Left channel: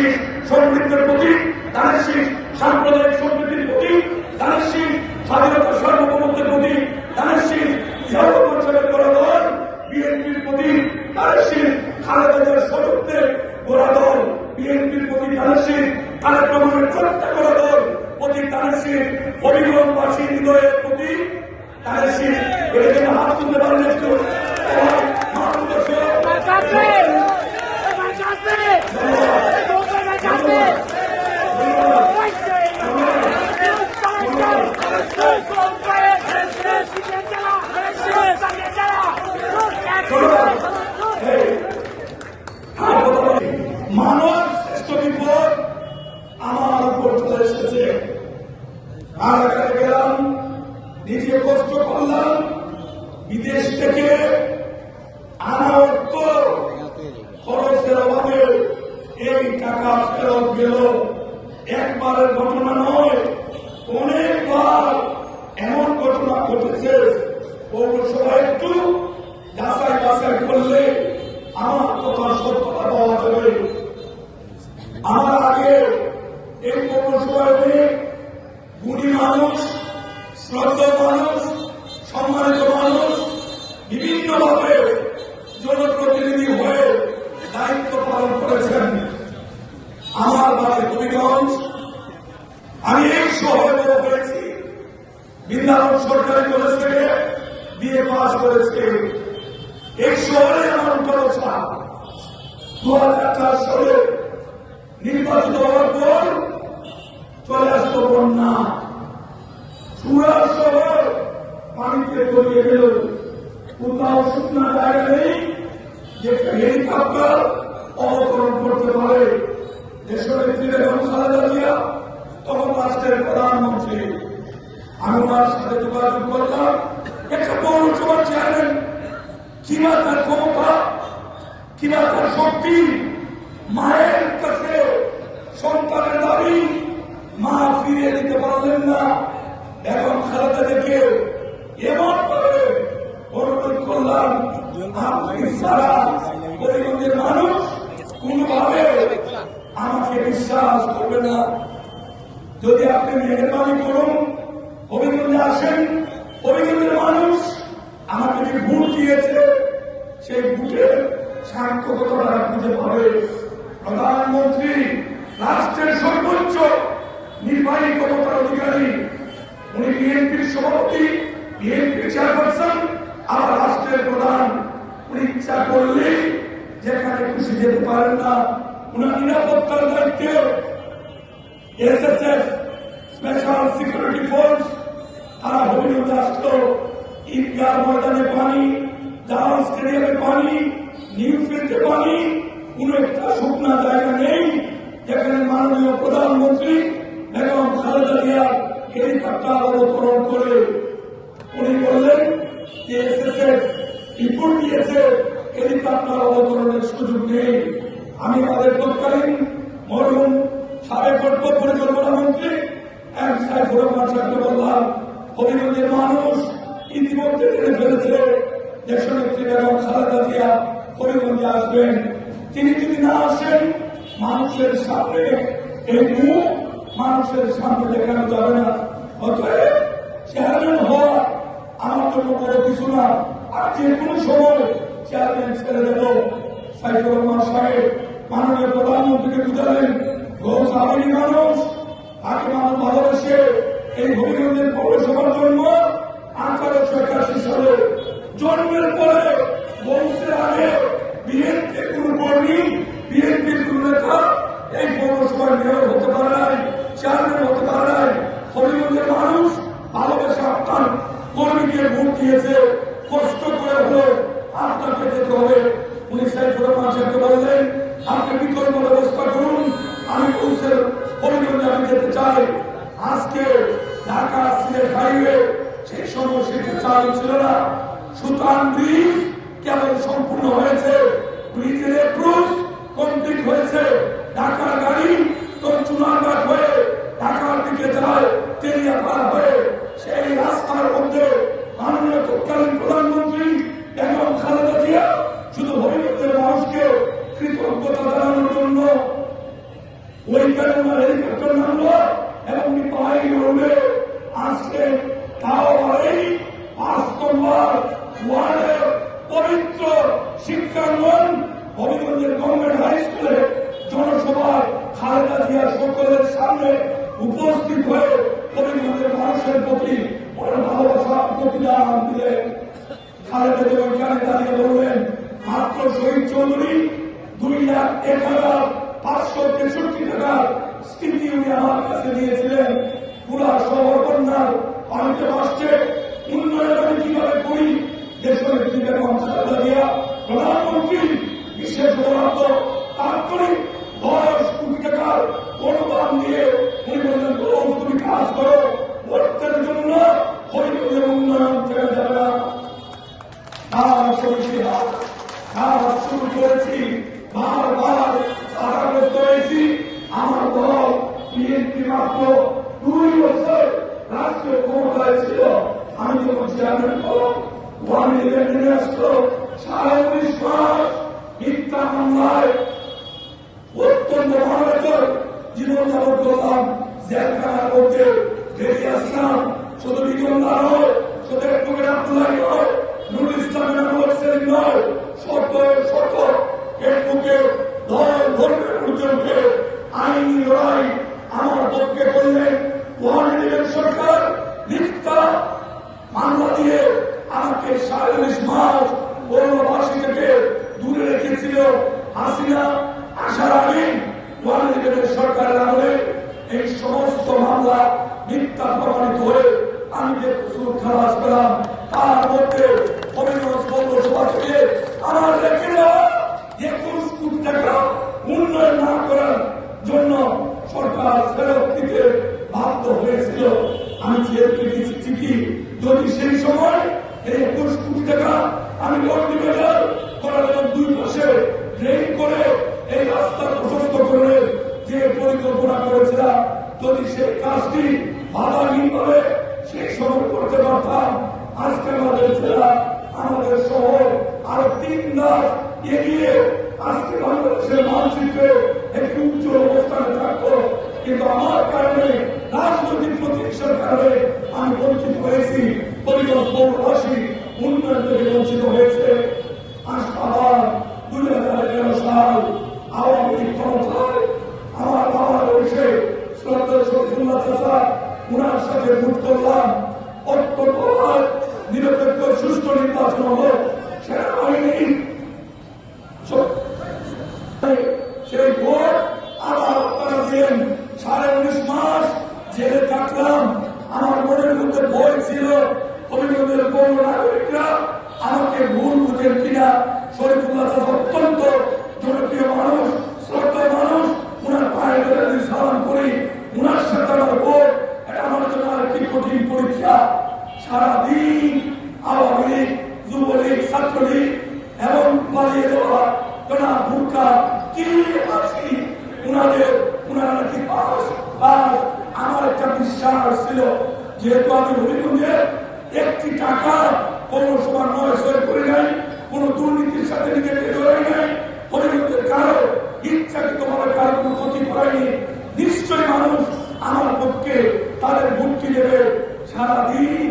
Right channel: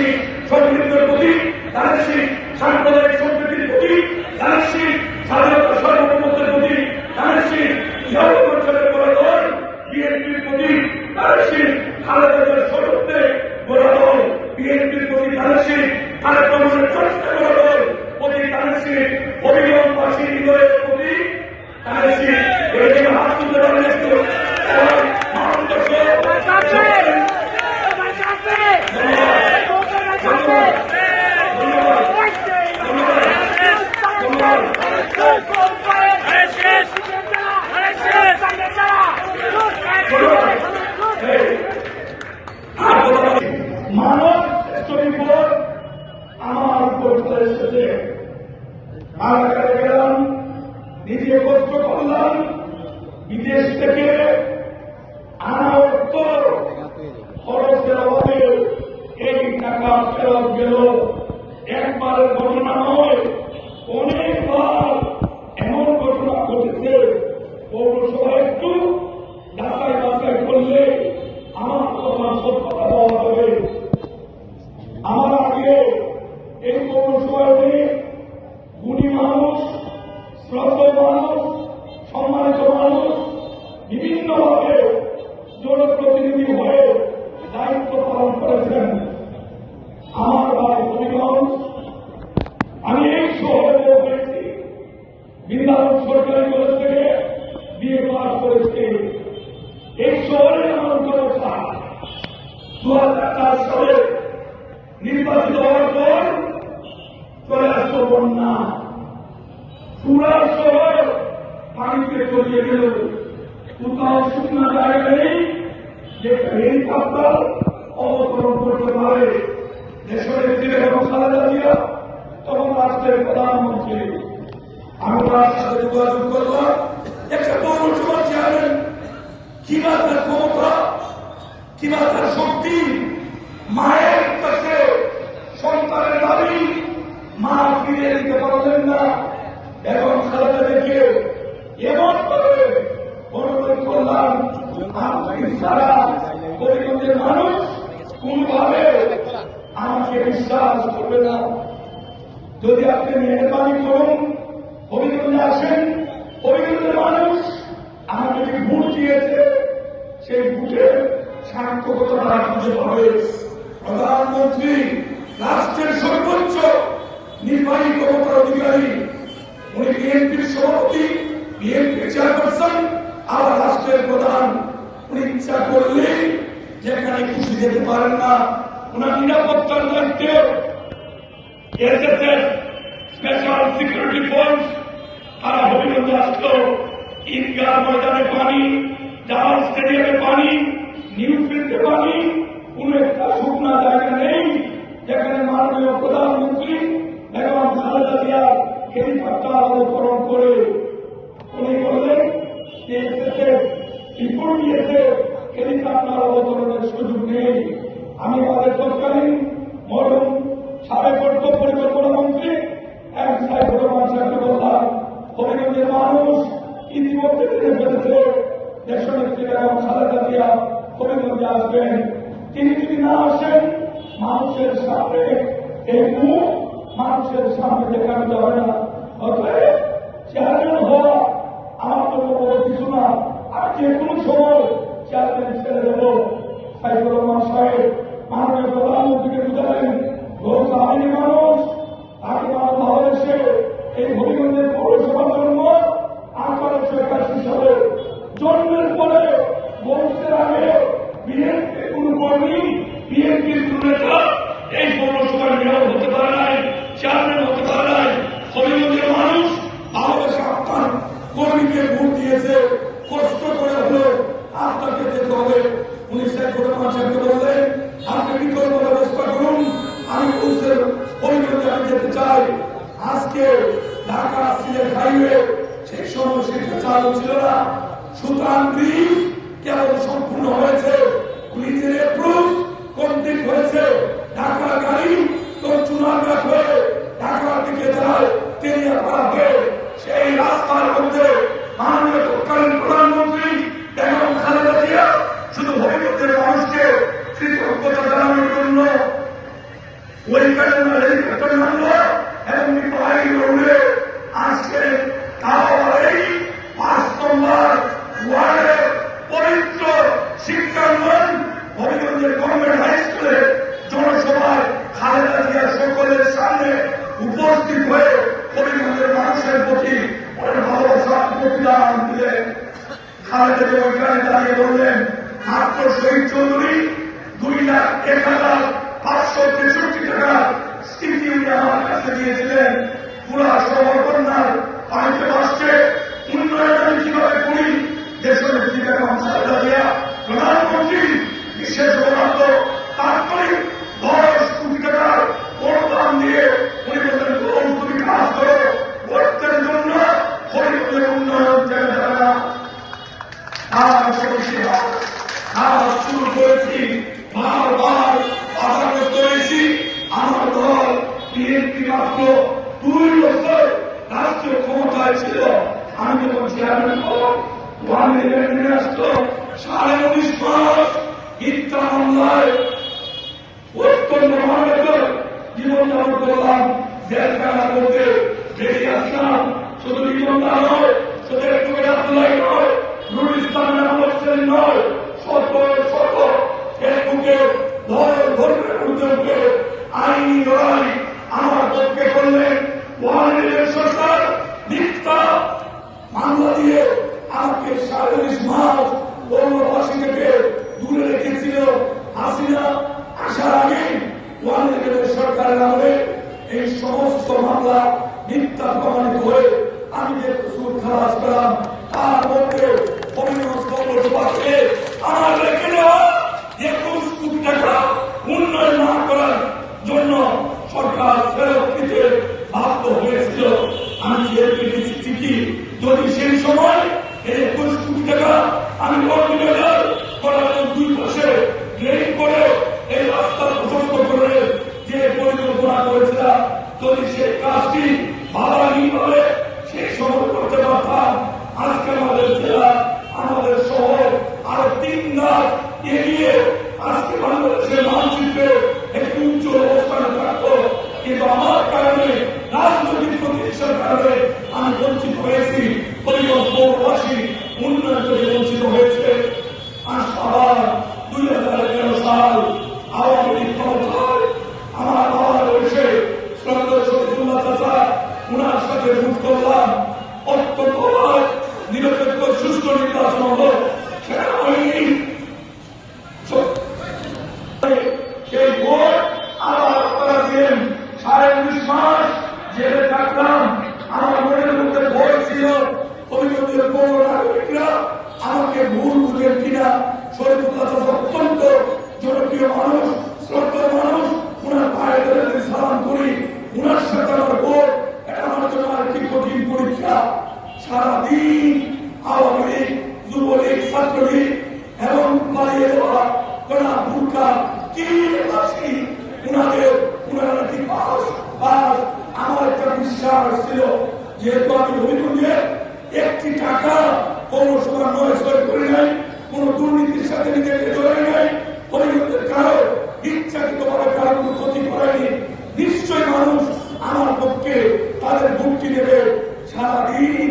ধানের সমৃদ্ধির প্রতি, ধানের সাম্প্রদায়িক সম্প্রীতির প্রতি, ধানের স্বাধীনতা সার্বভৌমত্বের প্রতি, ধানের সর্ববঞ্চনের করা দল বিএনপির প্রতি, ধানের খালেদাদের সশক্তে করা দল বিএনপির প্রতি, ধানের তারেক রহমানের ছোট্ট করা দল প্রতি, ধানের অভিযোগবাসী হৃদয়ের প্রতি, ধানের এটাকে হাত তুলতে পারলে একটু মানব শ্রেষ্ঠ বিপদ আমার উপর চলে এসেছে। কারাগারে গেলাম, নিজে কষ্ট করলাম, বিদেশ থেকে আনা অর্থ খরচের অভাবে এই টাকা ফেরত গেল। একবারের ঘটনা নয়, অনেকবার এমন ঘটনা ঘটেছে। পৌরসভা একটু যাচাই বাছাই করলে আমার কথার সত্যতা পাওয়া যাবে। আমার আগে এই পৌরসভায় গুণী মানুষ, শ্রদ্ধেয় মানুষ, সম্মানিত মানুষ বিভিন্নভাবে জনপ্রতিনিধি হয়ে দায়িত্ব পালন করেছেন। আমার বাড়ি হবিগঞ্জ, আমি এই শহরে বড় হয়েছি। বৃন্দাবন সরকারি কলেজ থেকে বিএ পাস করেছি। এই শহরে আমার উত্তরসা 2004 সালে নির্বাচিত হওয়ার পর চলে আসলো বন্যা। পুরা শহর পানিতে তলিয়ে গেল। কোথাও শুকনো জায়গা নেই যেটা হেলিকপ্টার অবতরণ করতে পারে। দেশনেত্রী বেগম খালেদা জিয়া তখন রাষ্ট্রের প্রধানমন্ত্রী। আমি তার সাথে যোগাযোগ করলাম। একটা পৌরসভার চেয়ারম্যান কিংবা তার ক্ষমতা কিংবা তার শক্তি, মায়ের কাছে সন্তানের দাবি মা ফিরে দিতে পারলেন না। এখন খালেদাদেরকে এমন ভাবে অনুরোধ করলাম, আপনি সারা হবিগঞ্জের মানুষ কোনভাবে আমাকে বিশ্বাস করবে না। যদি আপনি মেহরবানি করুন, হবিগঞ্জে আসেন। হবিগঞ্জের মানুষ আমাকে যে ভোট দিয়েছে সেই ভোটের সার্থকতা তারা খুঁজে পাবে। প্রধানমন্ত্রী রাষ্ট্রের সর্বোচ্চ নির্বাহী ক্ষমতার অধিকারী, উনি বিএনপির সভাপতি, বিএনপির চেয়ারপারসন, আর রাষ্ট্রের প্রধান। উনি ইচ্ছা করলে যেখানে খুশি যেতে পারেন না। উনার নিরাপত্তার দায়িত্বে এসএসএফ স্পেশাল সিকিউরিটি ফোর্স তারা হবিগঞ্জে আসলো। ঈদগাহ ময়দানে পানি, জাহাজ স্টেডিয়ামে পানি, নিউফিল্ডে পানি, কোন একটা শুকনা জায়গা নেই যেখানে মাননীয় প্রধানমন্ত্রী বেগম খালেদা জিয়া হেলিকপ্টার অবতরণ করে। উনি বললেন যে এসএসএফ রিপোর্ট দিয়েছে হেলিকপ্টার অবতরণের সুযোগ নেই। আমি আমাদের তৎকালীন মরহুম সাবেক অর্থ পরিচালনা মন্ত্রী বললাম, হবিগঞ্জের মানুষ ইতিমধ্যে জেনে ফেলেছে দেশনেত্রী বেগম খালেদা জিয়া হবিগঞ্জে আসবেন। তিনি যদি না আসেন, মানুষের সামনে এই মুখ মানুষের সামনে দেখানো যাবে না। অতএব চেয়ারম্যান হওয়া আমার জন্য বড় কিছু না। আর যে কোনো সময় চেয়ারম্যান ছেড়ে দেব। সাইফুর রহমান সাহেব মাননীয় প্রধানমন্ত্রীকে বুঝালেন, আমি মানুষ, তাকে মানুষ ভালোবেসে এই হবিগঞ্জের পৌরসভার জন্য 1881 সালে জন্মের পরে বংশের আগে বিএনপির কোন কর্মী, বিএনপির কোন নেতা এই পৌরসভার মেয়র হতে পারে নাই, চেয়ারম্যান হতে পারে নাই। হবিগঞ্জের মানুষ ভালোবেসে আপনার কর্মীকে ভোট দিয়েছে। কষ্ট করে হলে আপনাকে যেতে হবে। উনি সাইফুর রহমান সাহেবকে বললেন, আপনি বিকল্প ব্যবস্থা করুন। আমি বলছেন হবিগঞ্জে আমি যেতে চাই। আজকে ঢাকা সিলেট হাইওয়ে সেই সময় সেটা চালু ছিল না। সুতরাং ব্রিজ কেবল সম্পূর্ণ হয়েছে, ব্রিজের এপ্রুভ কমপ্লিট হয়েছে। ঢাকা গাড়ি তো চুনারঘাট হয়ে ঢাকার দিকে যায়, তেলিয়াপাড়া হয়ে সেই রাস্তার মধ্যে মাননীয় ওইখানে হেলিকপ্টার নামলো এবং পায়ে উঠে আজকে তাও এই 5 নম্বর ওয়ার্ডের পবিত্র শিক্ষাঙ্গন হবিগঞ্জের গভর্নমেন্ট হাই স্কুলে জনসভায় খালেদা জিয়া সকলের সামনে উপস্থিত হয়ে হবিগঞ্জের মানুষের প্রতি ওনার ভালোবাসা প্রতিদান দিলেন। খালেদা জিয়া ওইখানে দাঁড়িয়ে বললেন, মাত্র শহীদ চৌধুরী 2,01,563 টাকার স্মৃতি উনি আমার কাছে দিয়েছিলেন। পুরা শহর বন্যার পানিতে ভাসছে, উন্নয়ন আমি কিভাবে করি দেশনেত্রী বেগম খালেদা জিয়া প্রধানমন্ত্রী বিশেষ বরাদ্দ তাৎক্ষণিক 10 কোটি টাকার অনুদান দিয়ে উনি বললেন, তুমি কাজ করো, ভোটের জন্য হবিগঞ্জের উন্নয়ন যাবে যাবে না। কাজ শুরু করেছি, বারবার বাধাগ্রস্ত হয়েছি। আমার দল বিএনপি মাত্র 2 বছর রাষ্ট্রীয় ক্ষমতায় ছিল। আমি যখন চেয়ারম্যান হলাম, 1 মিলিয়ন নিয়ে আসলো, 19.5 মাস মিথ্যা মামলায় অত্যন্ত মানবেতর জীবনযাপন করলাম। জেলখানা করতে বেরিয়ে আসলাম। শুধু নির্মলা নয়, শুধু একটু আব্দুল্লাহ নয়, নুরুল ইসলামের আমলের নয়, শত শত এর বুকে ধর্মের পর্যন্ত আইনি লড়াই আমার পক্ষে করলেন। ওয়ানের সরকার মিথ্যা মামলা দিয়ে আমাকে 40 মাস বনবাসী থেকে দূরে রেখেছিল। হাসিনা আসার আগে ওয়ানের সরকারের আমলে এই সমস্ত মামলা মিথ্যা প্রমাণিত হয়ে আমি যে সুদ খালাস পেলাম, তার মধ্যে আমার রেখে দেওয়া 21 কোটি টাকা উন্নয়ন না করার জন্য সরকার ফেরত দিতে বাধ্য হয়েছিল। আমি যেহেতু চিঠি, যদি সেই সময় এই 21 কোটি টাকা আমি লন্ডনের করার 2 পাশে ড্রেন করে এই রাস্তা প্রশস্ত করে যে পরিকল্পনা করেছিলাম, যদি সেই কাজটি ভালোভাবে সেই সময় করতে পারতাম, আজকে আমাদের জেলা, আমাদের শহর আরো 3 ধাপ এগিয়ে আজকে বাংলাদেশের মানচিত্রে একটি উচ্চ অবস্থানে থাকতো। কিন্তু আমার কারণে, রাজনৈতিক প্রতিষ্ঠার কারণে আমি বঞ্চিত হয়েছি। পরিবর্তনবাসী উন্নয়ন থেকে বঞ্চিত হয়েছে। আবার 2011 সাল আওয়ামী লীগ ক্ষমতায় আমার বাবার রয়েছে শ্রদ্ধেয় শহীদুল্লাহ চাচা, উনার সাথে ভোট করলাম। অত্যন্ত নিরপেক্ষ সুষ্ঠু নির্বাচন হল। সেনাবাহিনী সেই ভোট আবার আপনারা দিলেন। 19.5 মাস জেলে থাকলাম। আমার মনের মধ্যে ভয় ছিল, হবিগঞ্জের পৌর নাগরিকরা আমাকে ভুল বুঝেন কিনা। শরীফুল্লাহ অত্যন্ত জনপ্রিয় মানুষ, শ্রদ্ধা মানুষ, উনার পায়ে ধরে সালাম করি। উনার সাথে আমার ভোট, এটা আমার জন্য একটি কঠিন পরীক্ষা। সারাদিন আওয়ামী লীগ, যুবলীগ, ছাত্রলীগ এবং পালিয়ে দেওয়া কেনা ভূমিকা কি আছি উনারা নাকি পাস। আর আমার একটা বিশ্বাস ছিল, যেহেতু আমি হবিগঞ্জের 1 টাকা কোন সময় নয় করি নাই, কোন দুর্নীতির সাথে নিজেকে জড়াই নাই, হবিগঞ্জের কারো ইচ্ছাকৃত ভাবে কারো কোনো ক্ষতি করায়নি, নিশ্চয় মানুষ আমার পক্ষে তাদের ভোটটি দেবে। সারাদিন